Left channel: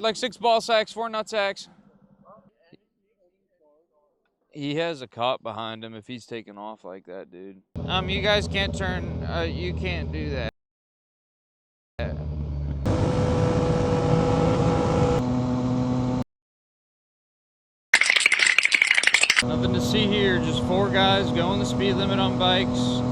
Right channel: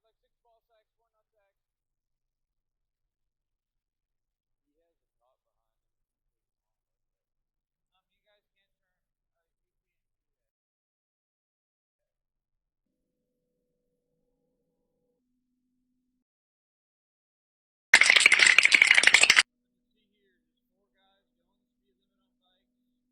like 6 ball sacks, 4 nut sacks. He has a cop behind him if he's taking off like that, dude. You guys can't turn, you can't do that. Nothing to see here, just 4 guys going the speed limit on bikes.